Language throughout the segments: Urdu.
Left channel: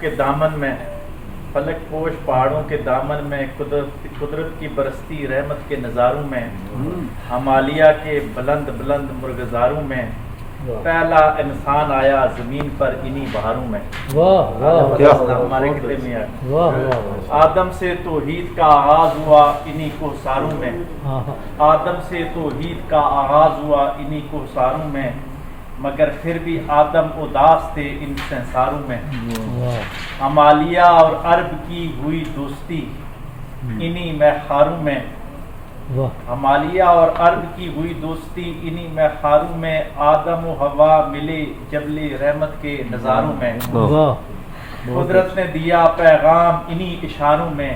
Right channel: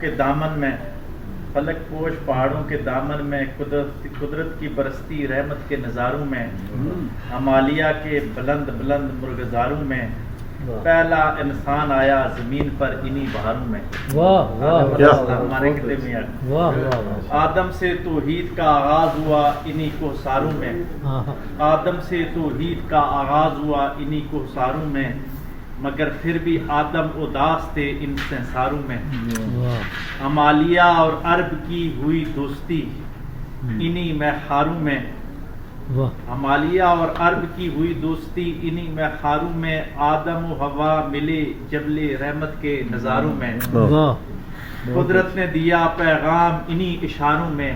کے دامن میں فلک پوش پہاڑوں کے دامن میں قدرت کی برستی رحمت کے نظاروں میں ہمالیہ کے بلند بلند مرغزاروں میں پہلا انسان آیا زمین پر انہی بہاروں میں. ہمارے خطے میں آدم سے توحید کا آغاز ہوا انہی کوثاروں میں. آدم سے توحید کا آغاز ہوا انہی کوثاروں میں مگر پھر بھی آدم اداس تھے ان سنساروں میں. ہمالیہ اور عرب کی ہوئی دوستی انہی میخاروں میں. ہمالیہ اور عرب کی ہوئی دوستی انہی میخاروں میں آدم و حوا ملے جبل رحمت کے نظاروں میں. قدرت نے دیا پیغام انہی اشاروں میں.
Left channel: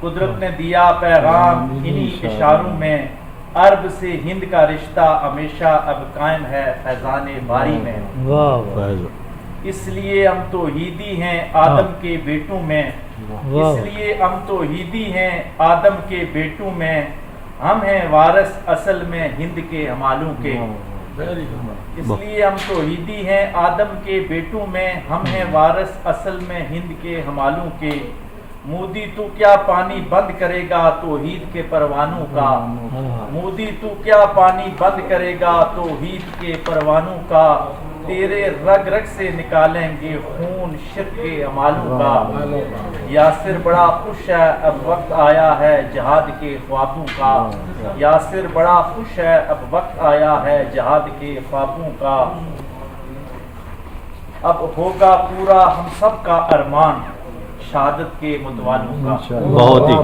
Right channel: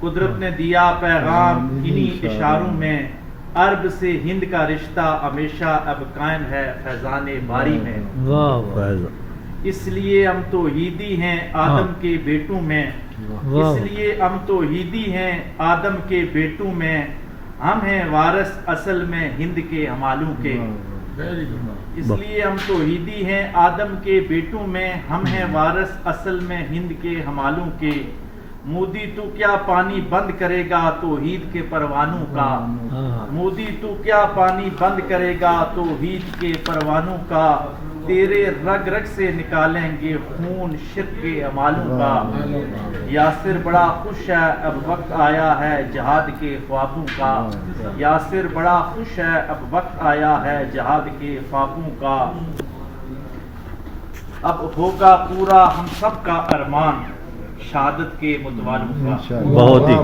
قدرت نے دیا پیغام انہی اشاروں میں. عرب سے ہند کا رشتہ ہمیشہ اب قائم ہے فیضان باری میں. اس لیے ہم توحیدی ہیں آدم کے بیٹوں میں. اس لیے ہم توحیدی ہیں آدم کے بیٹوں میں. ہم ہیں وارث اصل میں ہند کے ہمالوں کے. اس لیے ہم توحیدی ہیں آدم کے بیٹوں میں. ہم ہیں وارث اصل میں ہند کے ہمالوں کے. مودی تو کیا پانی بند کرے گا توحید کے پروانوں کا. مودی تو کیا پانی بند کرے گا توحید کے پروانوں کا. تیرے رگ رگ سے نکالیں گے خون شرک کے امالوں کا. یاسر بڑا خوش ہے اب وقت آیا ہے جہاد کے خوابوں کا. یاسر بڑا خوش ہے اب وقت آیا ہے جہاد کے خوابوں کا. اب ہوگا پورا ہم سب کا ارمان شہادت کے متوالوں کا. بہت ہی